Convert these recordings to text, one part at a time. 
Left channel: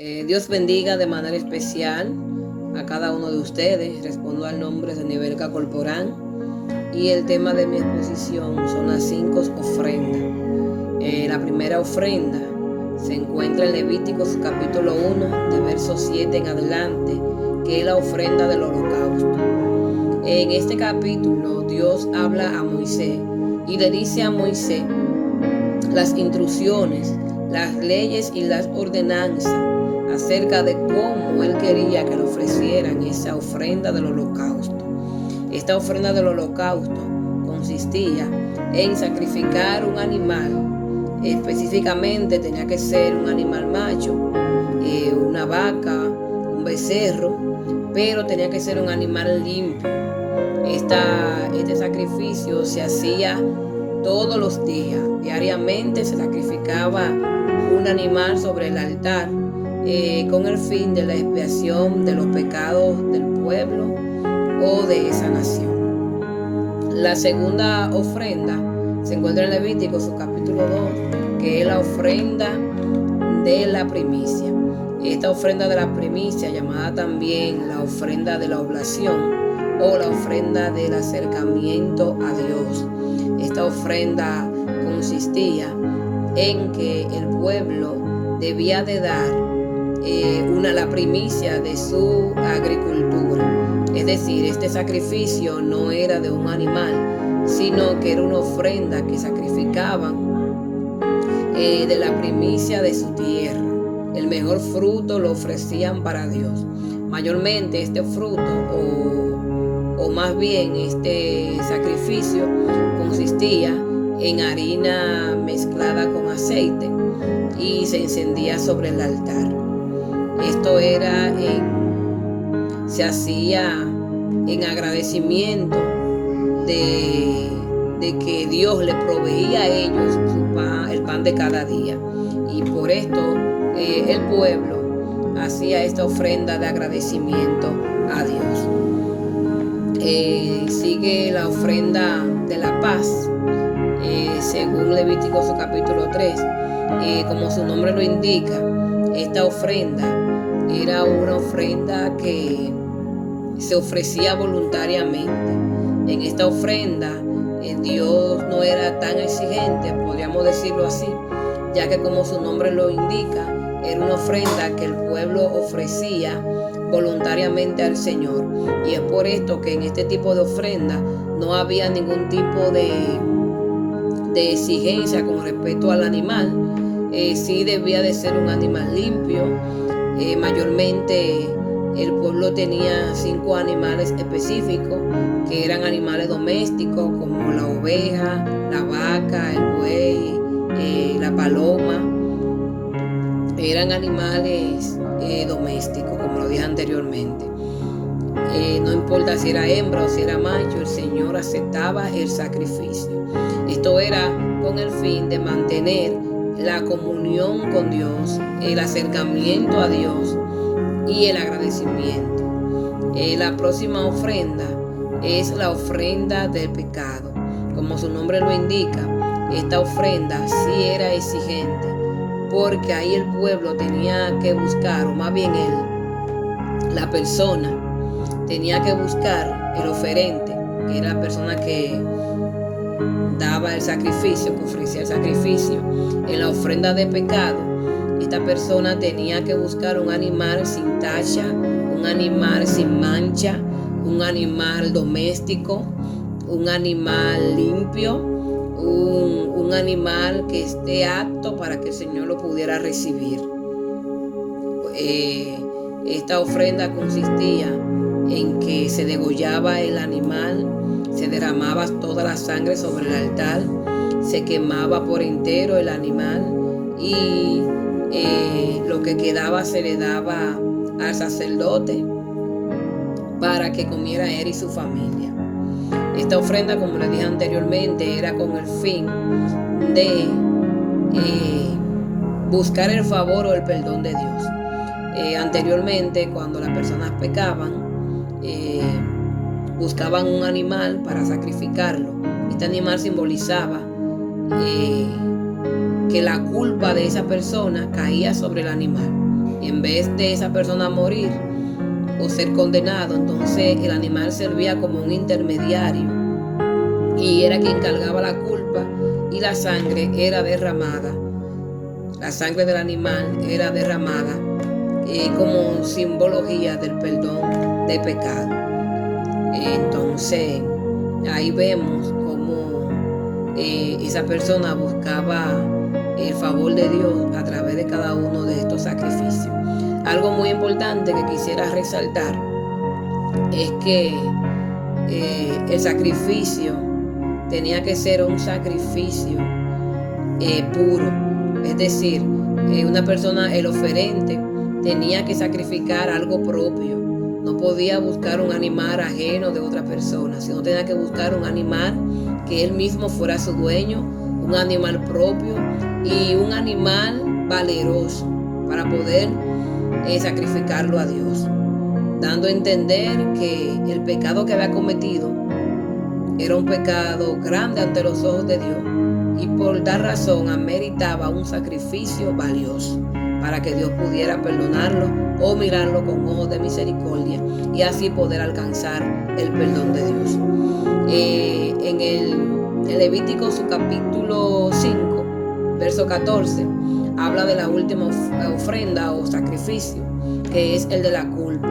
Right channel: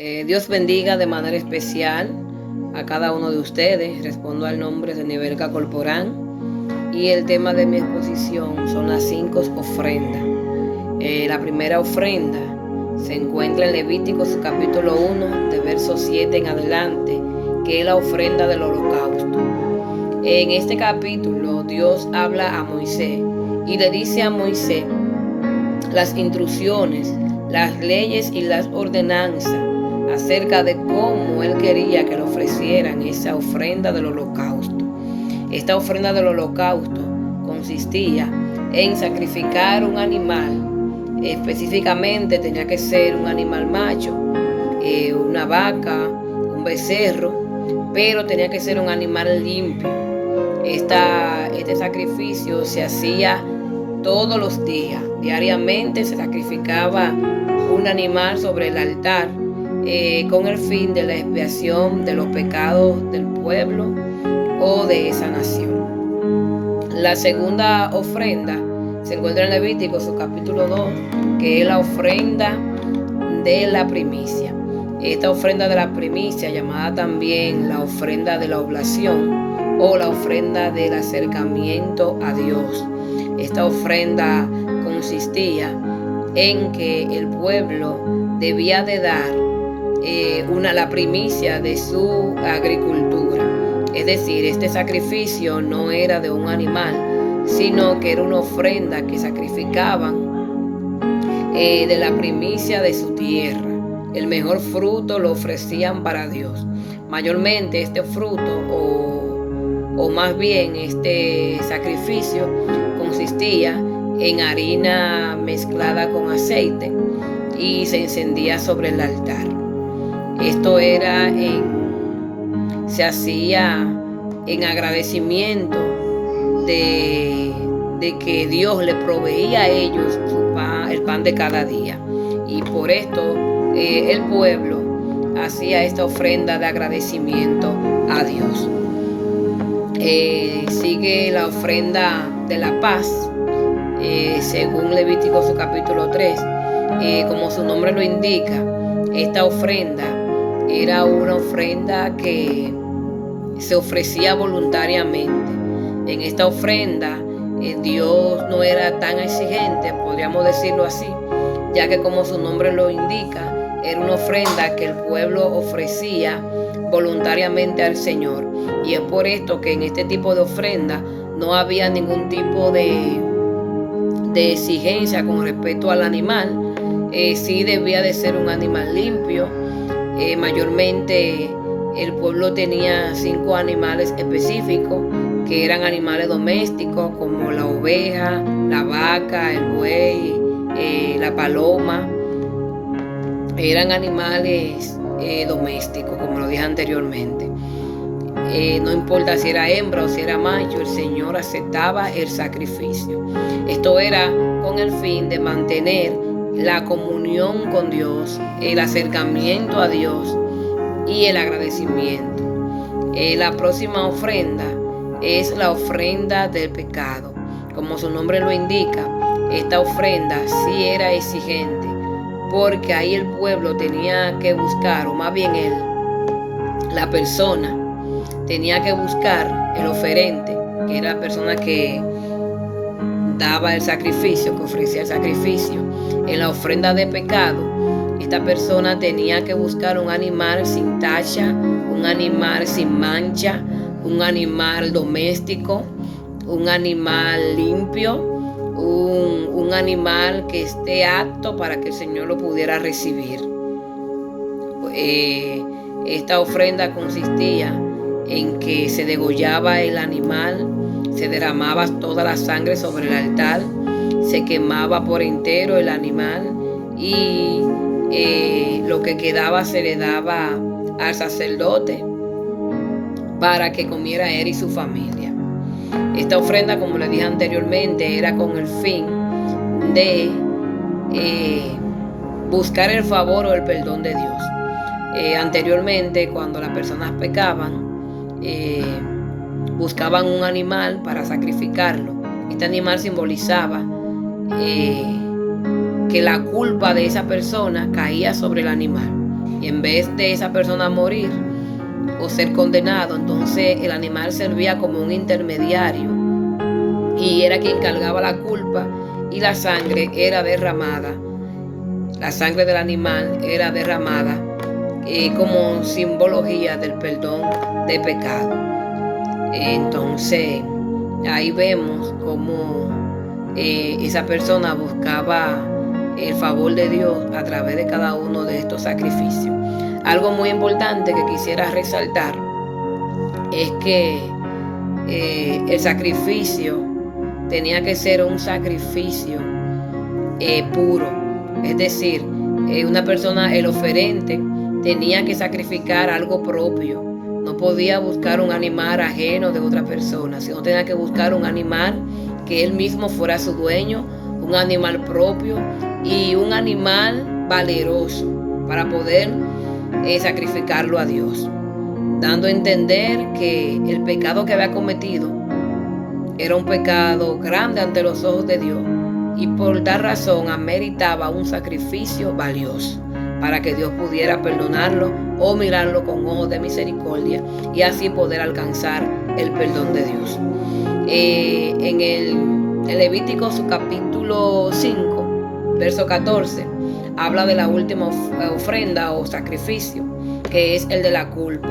Dios bendiga de manera especial a cada uno de ustedes. Respondo al nombre de Nivelka Corporán y el tema de mi exposición son las 5 ofrendas. La primera ofrenda se encuentra en Levíticos capítulo 1 de verso 7 en adelante, que es la ofrenda del holocausto. En este capítulo Dios habla a Moisés y le dice a Moisés las instrucciones, las leyes y las ordenanzas acerca de cómo él quería que le ofrecieran esa ofrenda del holocausto. Esta ofrenda del holocausto consistía en sacrificar un animal. Específicamente tenía que ser un animal macho, una vaca, un becerro, pero tenía que ser un animal limpio. Este sacrificio se hacía todos los días. Diariamente se sacrificaba un animal sobre el altar con el fin de la expiación de los pecados del pueblo o de esa nación. La segunda ofrenda se encuentra en Levíticos capítulo 2, que es la ofrenda de la primicia. Esta ofrenda de la primicia, llamada también la ofrenda de la oblación o la ofrenda del acercamiento a Dios. Esta ofrenda consistía en que el pueblo debía de dar la primicia de su agricultura. Es decir, este sacrificio no era de un animal, sino que era una ofrenda que sacrificaban de la primicia de su tierra. El mejor fruto lo ofrecían para Dios. Mayormente este fruto o más bien este sacrificio consistía en harina mezclada con aceite y se encendía sobre el altar. Esto se hacía en agradecimiento de que Dios le proveía a ellos el pan de cada día. Y por esto el pueblo hacía esta ofrenda de agradecimiento a Dios. Sigue la ofrenda de la paz, según Levíticos capítulo 3. Como su nombre lo indica, esta ofrenda era una ofrenda que se ofrecía voluntariamente. En esta ofrenda Dios no era tan exigente, podríamos decirlo así, ya que como su nombre lo indica, era una ofrenda que el pueblo ofrecía voluntariamente al Señor. Y es por esto que en este tipo de ofrenda no había ningún tipo de exigencia con respecto al animal. Sí debía de ser un animal limpio. Mayormente el pueblo tenía 5 animales específicos que eran animales domésticos, como la oveja, la vaca, el buey, la paloma. Eran animales domésticos, como lo dije anteriormente. No importa si era hembra o si era macho, el Señor aceptaba el sacrificio. Esto era con el fin de mantener la comunión con Dios, el acercamiento a Dios y el agradecimiento. La próxima ofrenda es la ofrenda del pecado. Como su nombre lo indica, esta ofrenda sí era exigente, porque ahí el pueblo tenía que buscar, o más bien la persona tenía que buscar el oferente, que era la persona que daba el sacrificio, que ofrecía el sacrificio. En la ofrenda de pecado, esta persona tenía que buscar un animal sin tacha, un animal sin mancha, un animal doméstico, un animal limpio, un animal que esté apto para que el Señor lo pudiera recibir. Esta ofrenda consistía en que se degollaba el animal, se derramaba toda la sangre sobre el altar, se quemaba por entero el animal y lo que quedaba se le daba al sacerdote para que comiera él y su familia. Esta ofrenda, como le dije anteriormente, era con el fin de buscar el favor o el perdón de Dios. Anteriormente, cuando las personas pecaban, buscaban un animal para sacrificarlo. Este animal simbolizaba que la culpa de esa persona caía sobre el animal. Y en vez de esa persona morir o ser condenado, entonces el animal servía como un intermediario y era quien cargaba la culpa, y la sangre era derramada. La sangre del animal era derramada como simbología del perdón de pecado. Entonces ahí vemos cómo esa persona buscaba el favor de Dios a través de cada uno de estos sacrificios. Algo muy importante que quisiera resaltar es que el sacrificio tenía que ser un sacrificio puro. Es decir, una persona, el oferente, tenía que sacrificar algo propio. No podía buscar un animal ajeno de otra persona, sino tenía que buscar un animal que él mismo fuera su dueño, un animal propio y un animal valeroso para poder sacrificarlo a Dios, dando a entender que el pecado que había cometido era un pecado grande ante los ojos de Dios, y por dar razón ameritaba un sacrificio valioso para que Dios pudiera perdonarlo o mirarlo con ojos de misericordia y así poder alcanzar el perdón de Dios. En el Levítico, su capítulo 5, verso 14, habla de la última ofrenda o sacrificio, que es el de la culpa.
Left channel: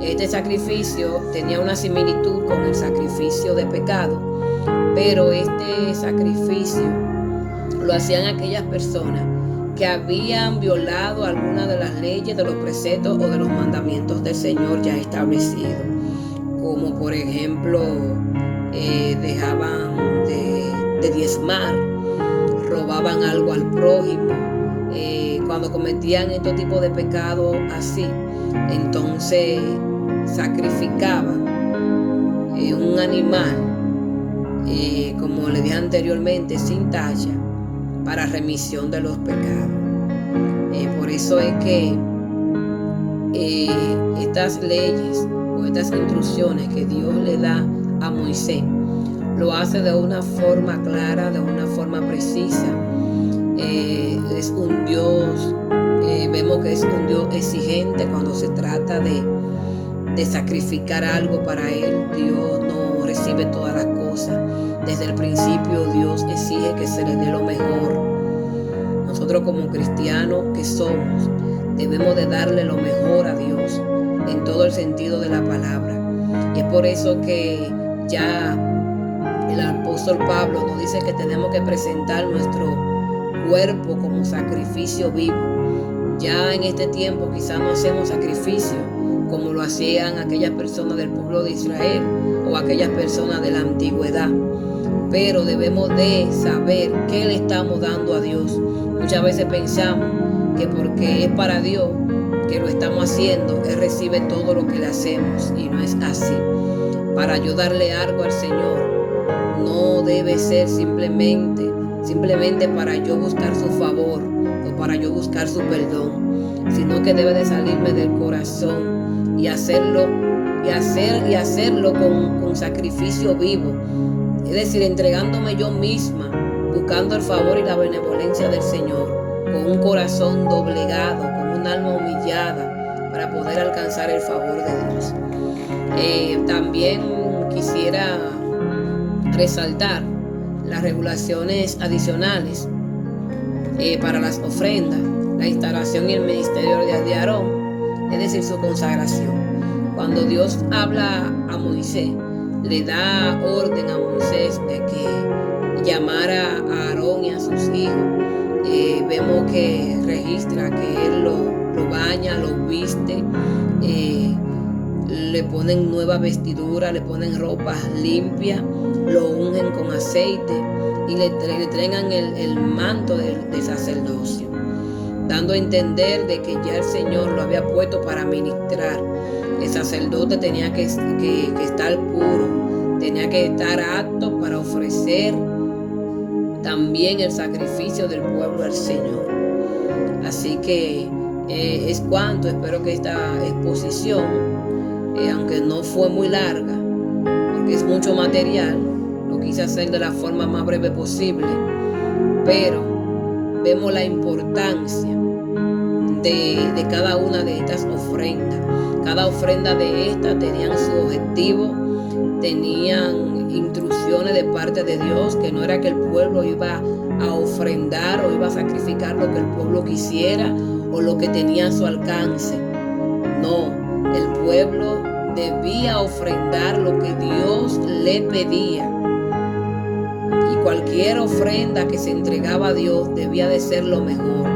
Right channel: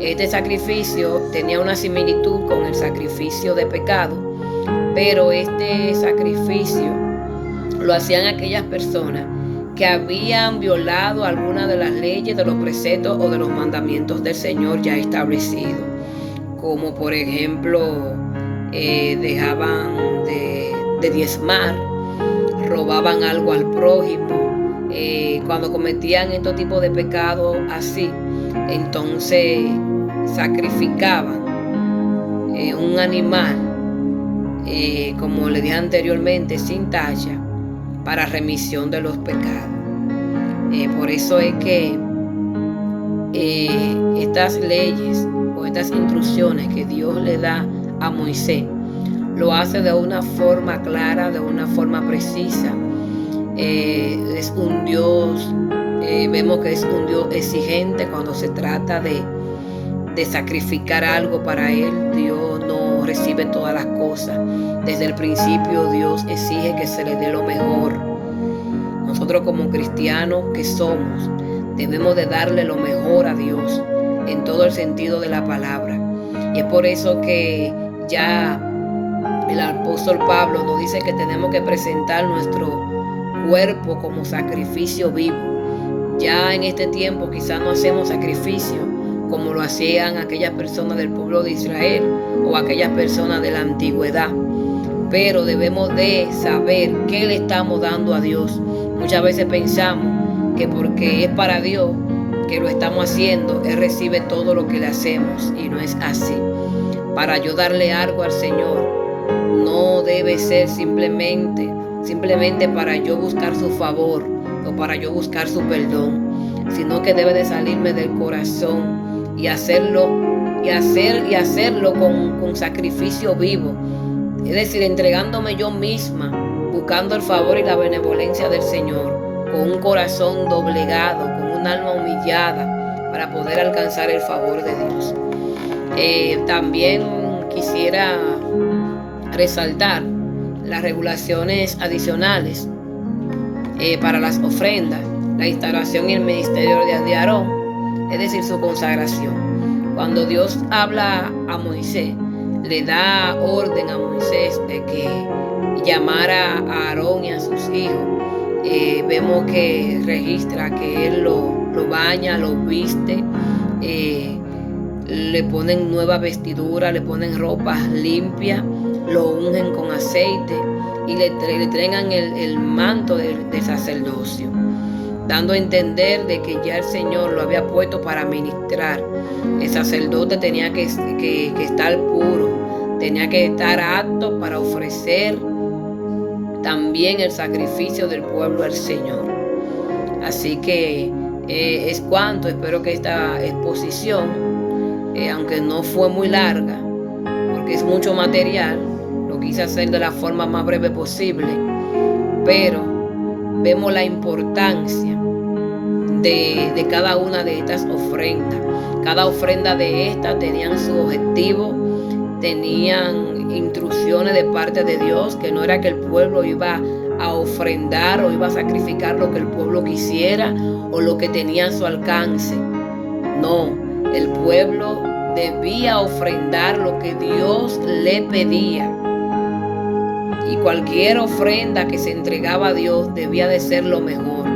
Este sacrificio tenía una similitud con el sacrificio de pecado, pero este sacrificio lo hacían aquellas personas que habían violado alguna de las leyes, de los preceptos o de los mandamientos del Señor ya establecidos, como por ejemplo dejaban de diezmar, robaban algo al prójimo. Cuando cometían estos tipos de pecados así, entonces sacrificaban un animal, como le dije anteriormente, sin tacha, para remisión de los pecados. Por eso es que estas leyes o estas instrucciones que Dios le da a Moisés, lo hace de una forma clara, de una forma precisa. Es un Dios, vemos que es un Dios exigente cuando se trata de sacrificar algo para Él. Dios no recibe todas las cosas. Desde el principio Dios exige que se le dé lo mejor. Nosotros como cristianos que somos, debemos de darle lo mejor a Dios en todo el sentido de la palabra. Y es por eso que ya el apóstol Pablo nos dice que tenemos que presentar nuestro cuerpo como sacrificio vivo. Ya en este tiempo quizás no hacemos sacrificio como lo hacían aquellas personas del pueblo de Israel o aquellas personas de la antigüedad, pero debemos de saber qué le estamos dando a Dios. Muchas veces pensamos que porque es para Dios que lo estamos haciendo, Él recibe todo lo que le hacemos, y no es así. Para yo darle algo al Señor, no debe ser simplemente para yo buscar su favor o para yo buscar su perdón, sino que debe de salirme del corazón y hacerlo con sacrificio vivo. Es decir, entregándome yo misma, buscando el favor y la benevolencia del Señor, con un corazón doblegado, con un alma humillada, para poder alcanzar el favor de Dios. También quisiera resaltar las regulaciones adicionales para las ofrendas, la instalación y el ministerio de Aarón, es decir, su consagración. Cuando Dios habla a Moisés, le da orden a Moisés de que llamara a Aarón y a sus hijos. Vemos que registra que él lo baña, lo viste, le ponen nueva vestidura, le ponen ropas limpias, lo ungen con aceite y le entregan el manto del sacerdocio, dando a entender de que ya el Señor lo había puesto para ministrar. El sacerdote tenía que estar puro, tenía que estar apto para ofrecer también el sacrificio del pueblo al Señor. Así que es cuanto. Espero que esta exposición, aunque no fue muy larga, porque es mucho material, lo quise hacer de la forma más breve posible, pero vemos la importancia de cada una de estas ofrendas. Cada ofrenda de estas tenían su objetivo, tenían instrucciones de parte de Dios, que no era que el pueblo iba a ofrendar o iba a sacrificar lo que el pueblo quisiera o lo que tenía a su alcance. No, el pueblo debía ofrendar lo que Dios le pedía. Y cualquier ofrenda que se entregaba a Dios debía de ser lo mejor,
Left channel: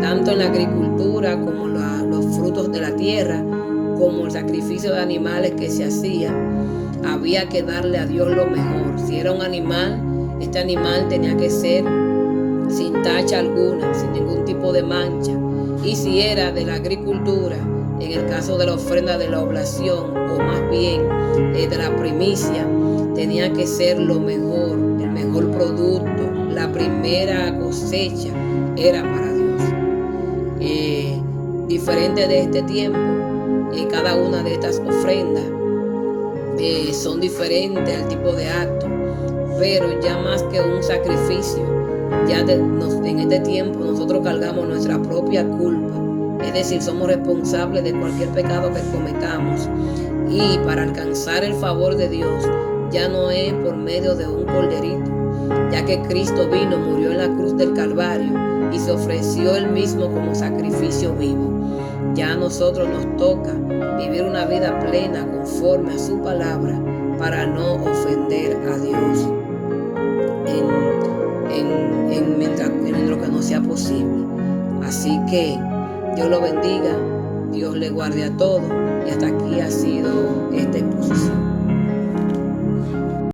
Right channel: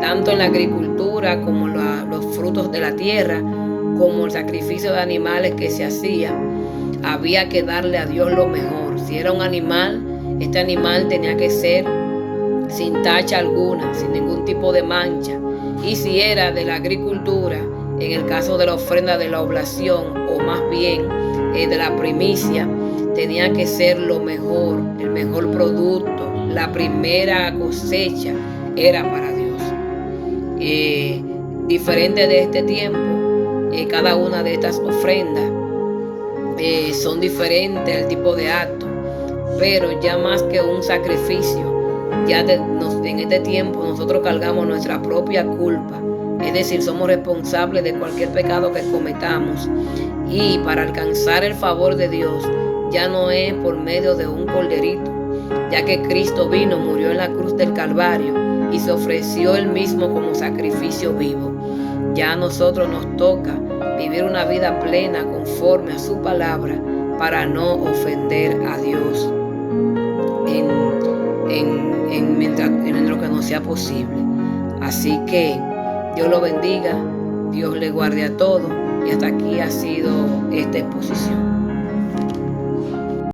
tanto en la agricultura como los frutos de la tierra, como el sacrificio de animales que se hacía. Había que darle a Dios lo mejor. Si era un animal, este animal tenía que ser sin tacha alguna, sin ningún tipo de mancha. Y si era de la agricultura, en el caso de la ofrenda de la oblación, o más bien de la primicia, tenía que ser lo mejor, el mejor producto. La primera cosecha era para Dios. Diferente de este tiempo, cada una de estas ofrendas son diferentes el tipo de acto, pero ya más que un sacrificio, en este tiempo nosotros cargamos nuestra propia culpa. Es decir, somos responsables de cualquier pecado que cometamos, y para alcanzar el favor de Dios ya no es por medio de un corderito, ya que Cristo vino, murió en la cruz del Calvario y se ofreció él mismo como sacrificio vivo. Ya a nosotros nos toca vivir una vida plena conforme a su palabra para no ofender a Dios en lo que no sea posible. Así que Dios lo bendiga, Dios le guarde a todos, y hasta aquí ha sido esta exposición.